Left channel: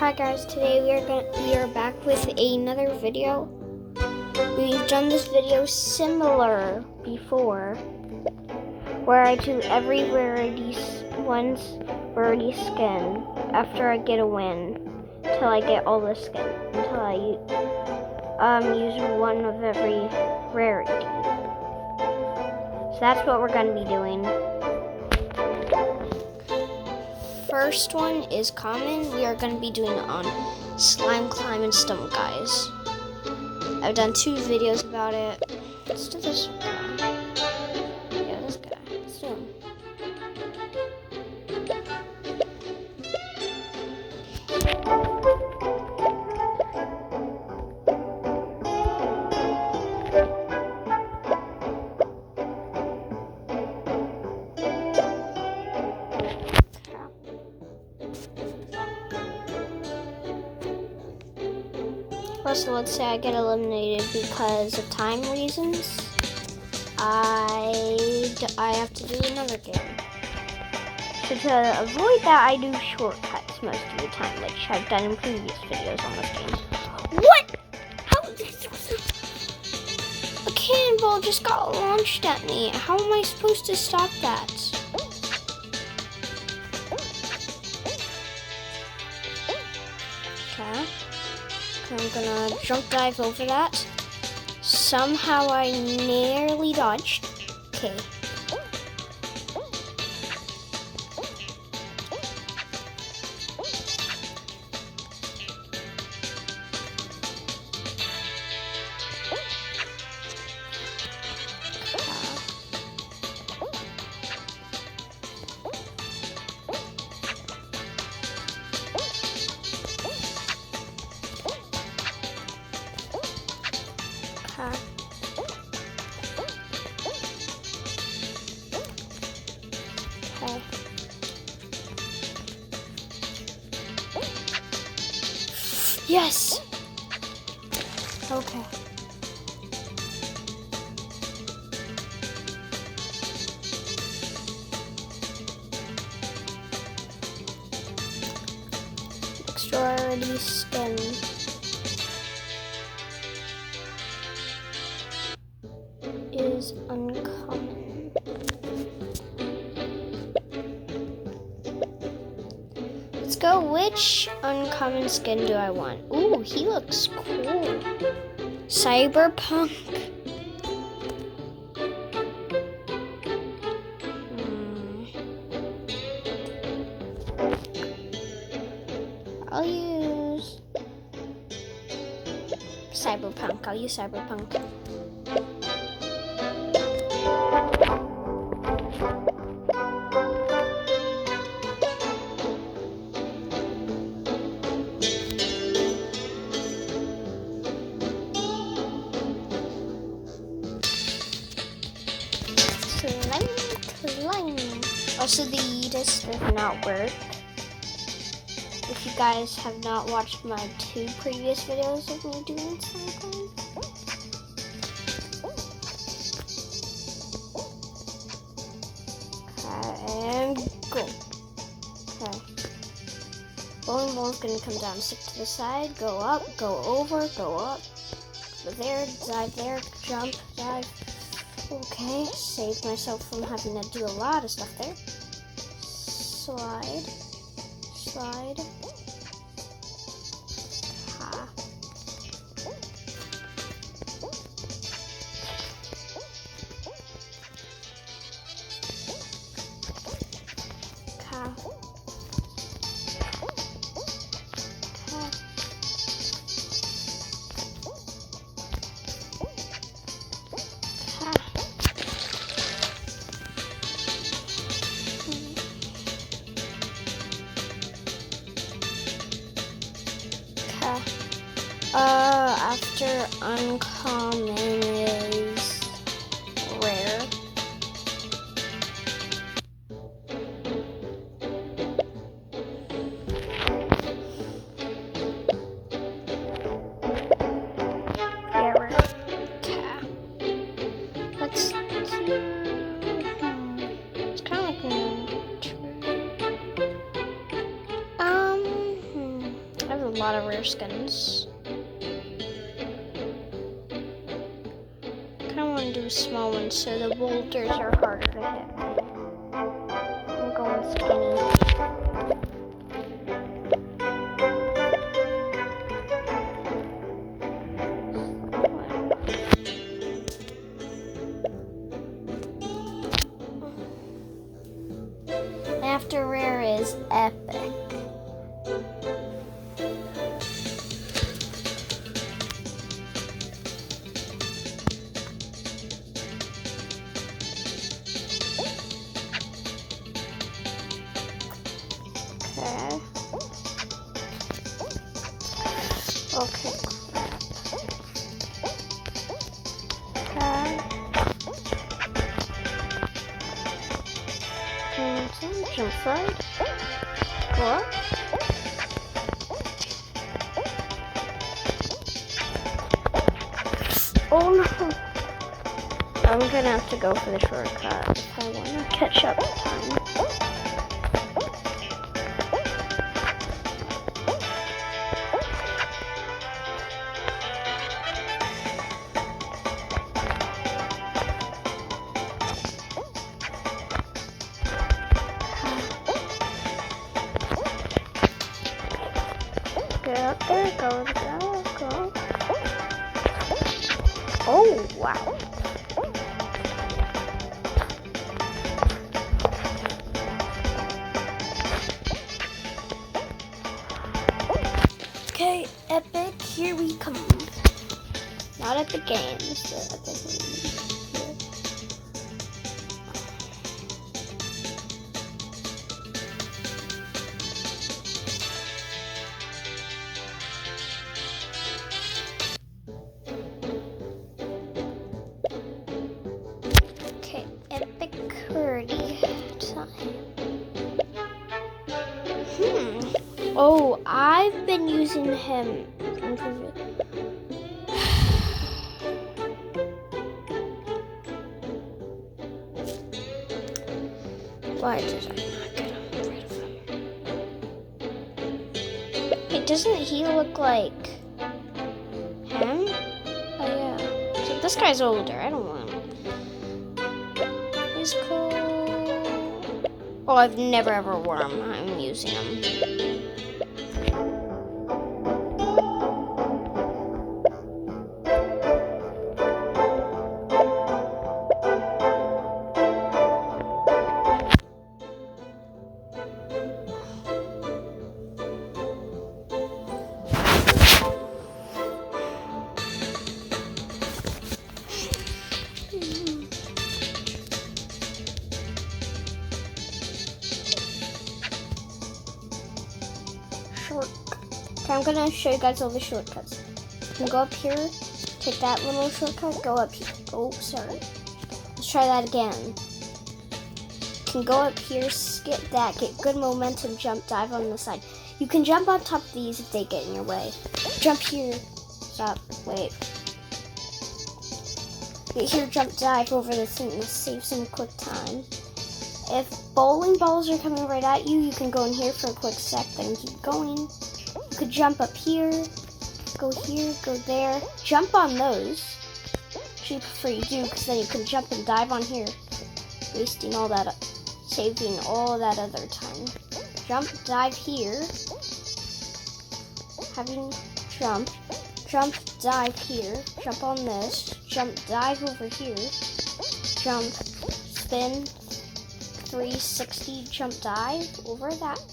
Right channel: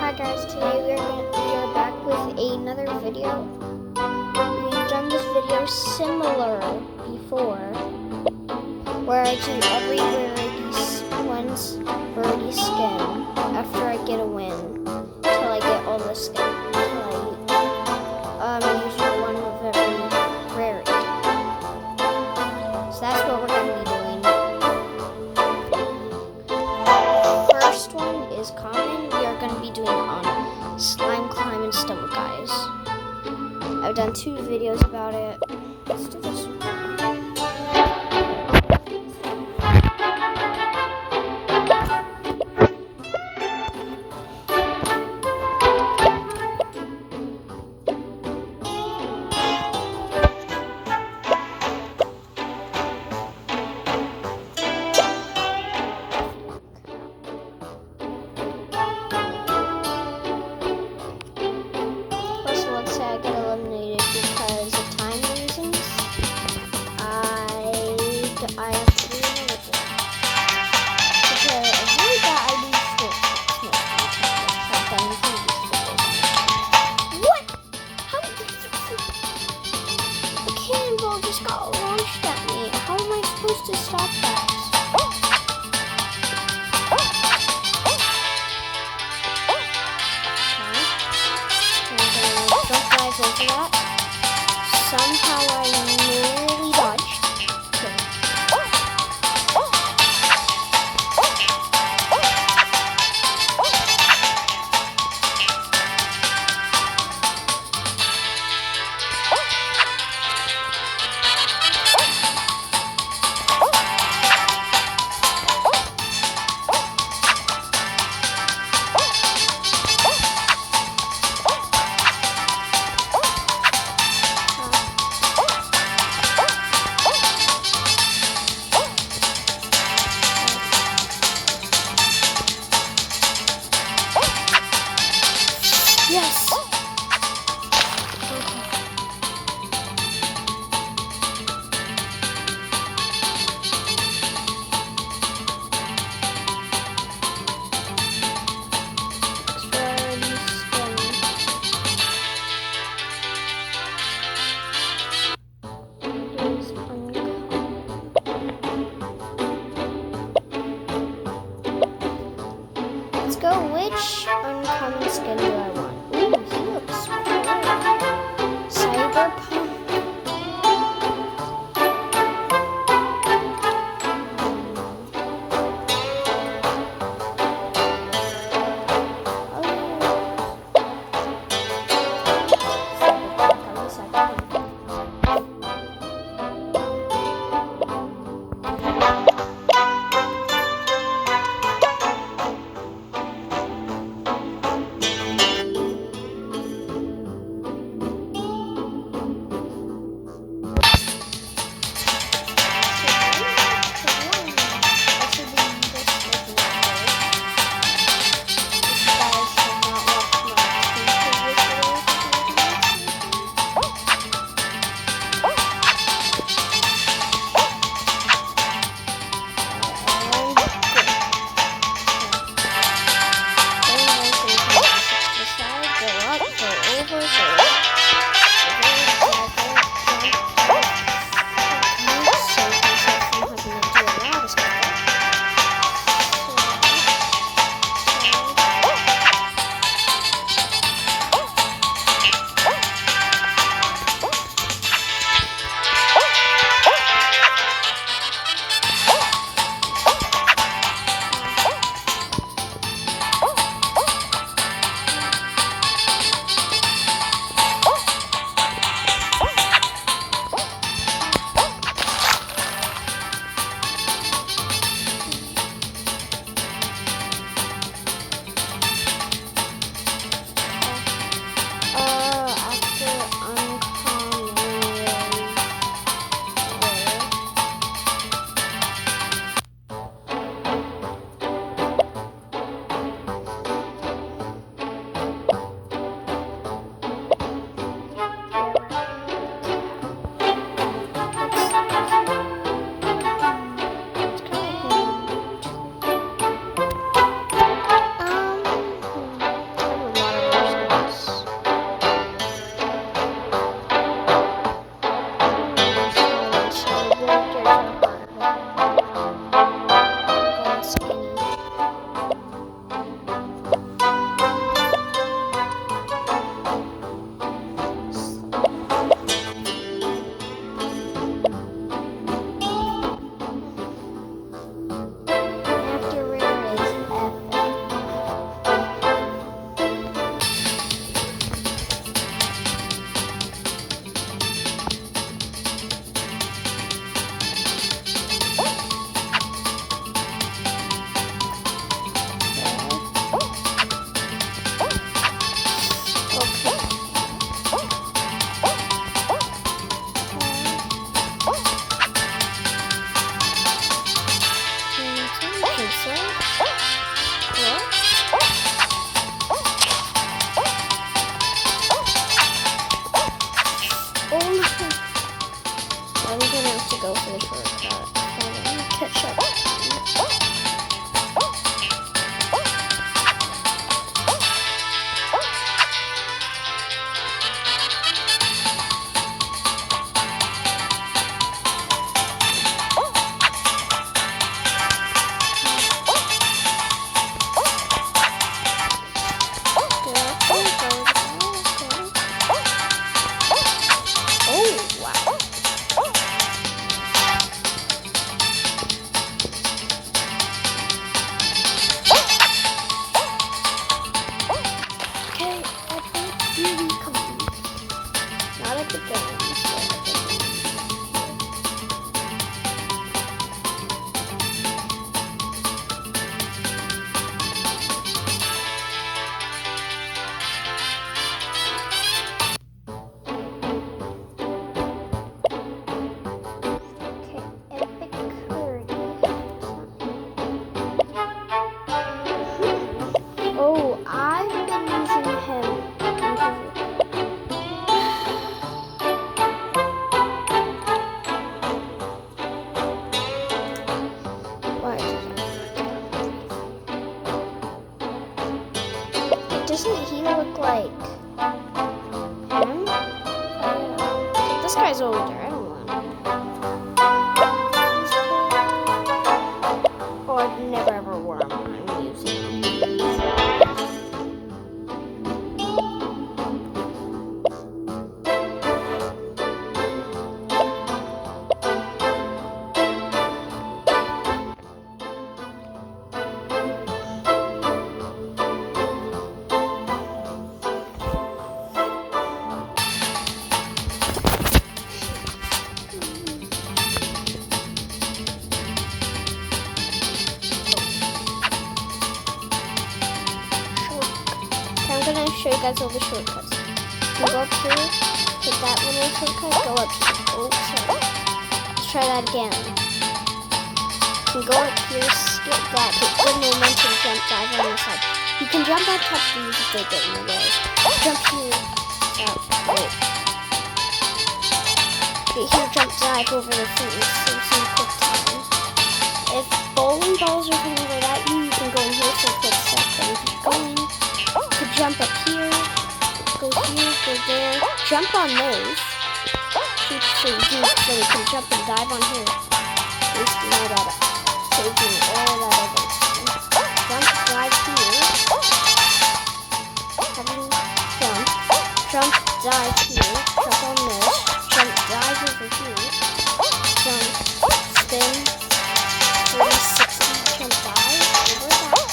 Hi guys, today we are back with another video. We've done this video similar before, where I do every rarity skin after I get a win, till I get all the skin, until I use one of every rarity. So that's what we're going to be doing. First one is common. We are going to be doing it on slime, climb, and stomach guys. I've done 2 videos about it. Let's do this one. So let's say I get eliminated because of time reasons. I have to do another game. So to avoid that, I do shortcuts most of the time, which I've done in previous videos on this one. What? How? A cannonball just got launched at me. How am I supposed to stop that? Okay. I'm gonna jump dive over that. Somehow I nearly dodged. Okay. Yes! Okay. Extra rarity skin. Is uncommon. Let's go. Which uncommon skin do I want? Ooh, he looks cool. Cyberpunk. I'll use Cyberpunk. Also, the disc does not work. If you guys have not watched my 2 previous videos, I'm going to do this something. And good. Okay. Then we're going to come down 6 to the side, go up, go over, go up, jump, save myself from having to do a lot of stuff. After uncommon is rare. Yeah, rare. It's kind of like Okay. Inside. What? Oh no! I'm gonna have to go for the shortcut if I want to catch up time. Go up there, go. Oh, wow. Okay, Epic, here we come. Not at the games, but at the games. Okay, Epic rarity time. Oh, I've been using him. Why is it? Hey, doesn't he look like him? Oh yeah. So this guy's older. I don't want him. He's cool. Oh, I've never ever worn him. I'm using him. I'm gonna show you guys all the shortcuts. You can go up here, take that little shortcut, go up here. Oh, sorry. Let's try that again. You can go up here, skip that, get good momentum, jump, dive on the side. You can jump on top of these if they get in the way. Jump here, that, wait. Get here, jump, dive over the thing, save some quick time. If bowling balls are coming right at you, you can go in here for a quick second and keep going. You could jump up here, go here, go there, jump on those. Keep so you do, so you can jump and dive on here. Wasting all that, saving all that other time. Jump, dive here. Having jump, dive here. Jump on this. Jump, dive over here. Jump, spin, 360, jump, dive over that.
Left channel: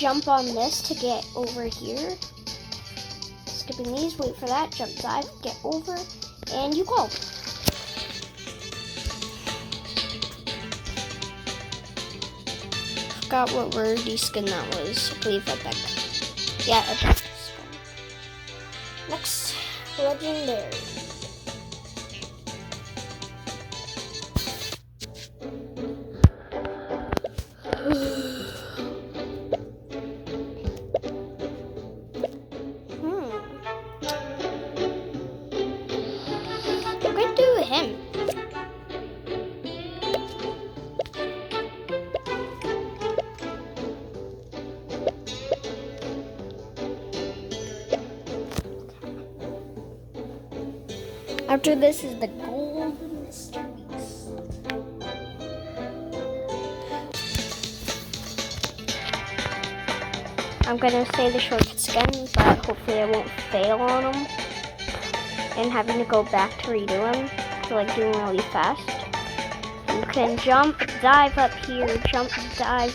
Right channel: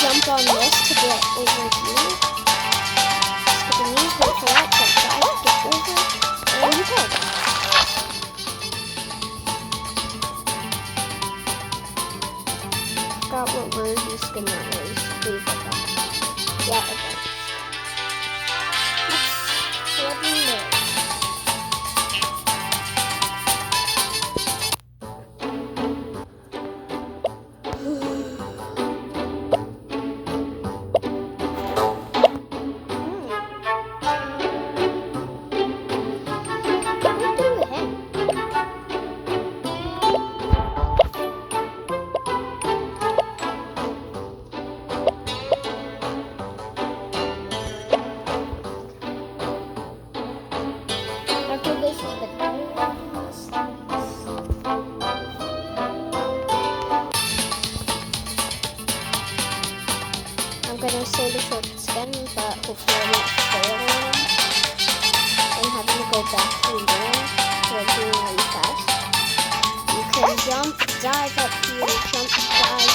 Jump on this to get over here. Skipping these, wait for that, jump, dive, get over, and you go. Forgot what rarity skin that was. I believe Epic. Yeah, Epic. Next, legendary. After this is the golden stars. I'm gonna say the shortcuts again, but hopefully I won't fail on them and having to go back to redo them, so I'm doing really fast. You can jump, dive up here, jump, dive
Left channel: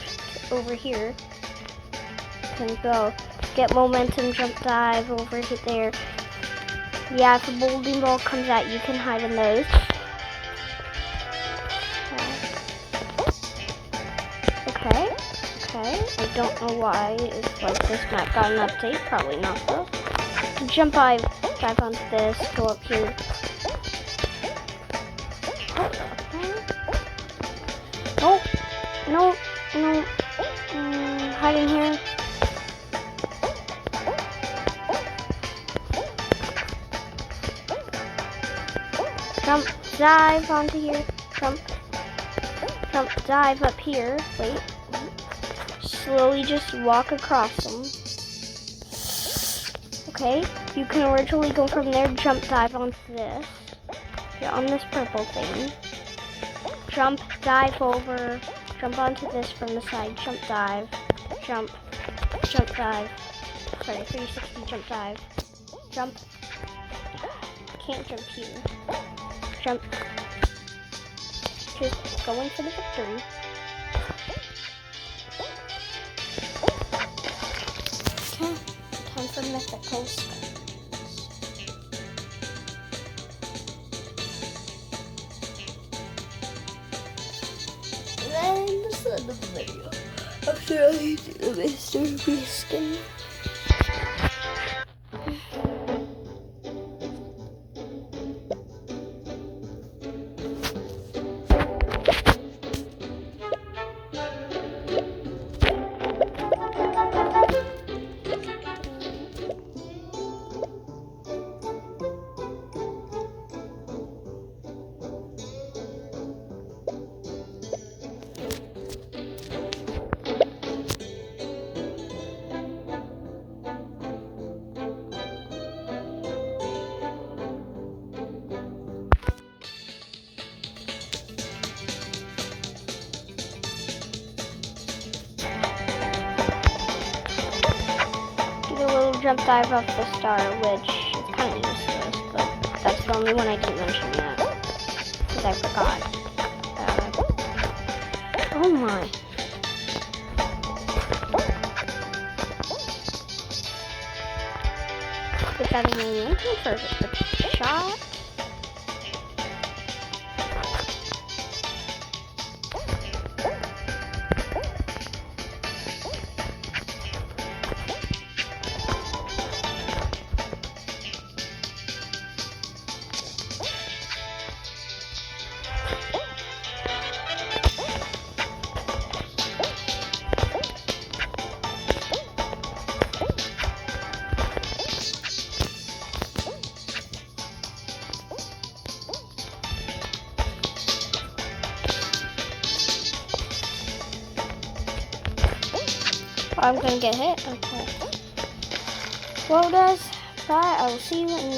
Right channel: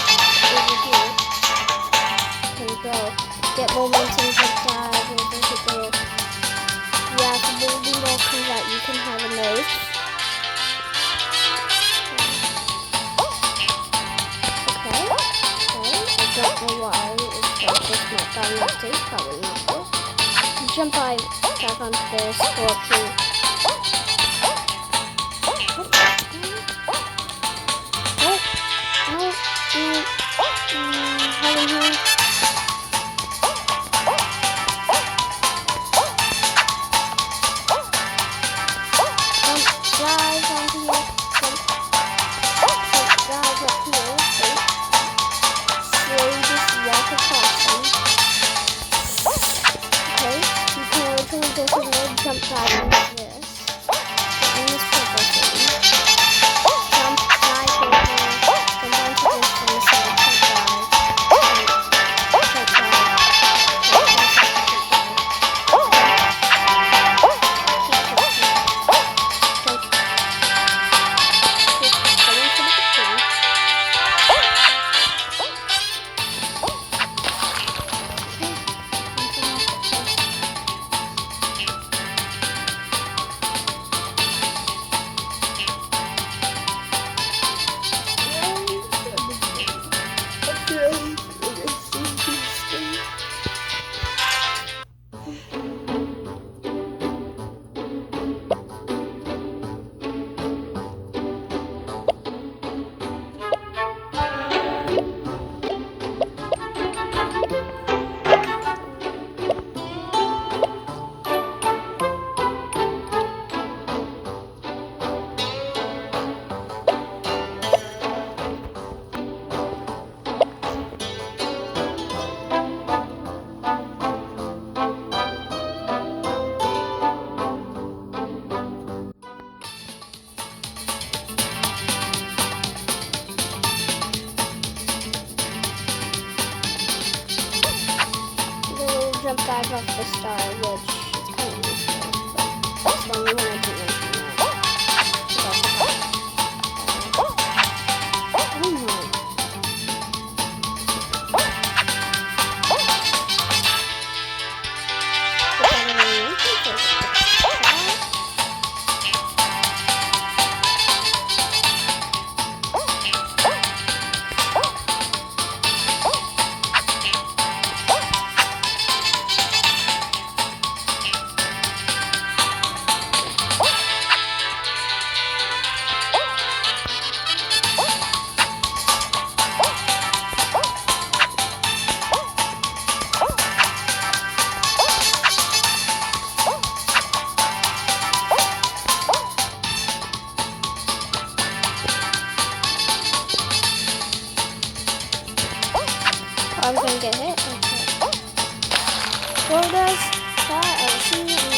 over here. You can go get momentum, jump, dive over to there. Yeah, if a bowling ball comes out, you can hide in those. Okay. Okay, I don't know why. It's like this map got an update. Probably not though. Jump dive onto this, go up here. Oh, no, no. Hide in here. Jump, dive onto here. Jump, dive up here. Wait. Slowly just walk across them. Okay, you can literally go from there, jump, dive onto this. Get on this purple thing. Jump, dive over, jump onto this from the side, jump, dive, jump, dive, okay, from the side, jump, dive, jump, just go into the tree. Okay, time for the next place. A little jump dive off the star, which is kind of useless, but that's the only one I didn't mention yet, because I forgot. Oh my. Put that in the entrance, or is it the shot? I'm gonna get hit. Okay. Well, guys, bye. I will see you in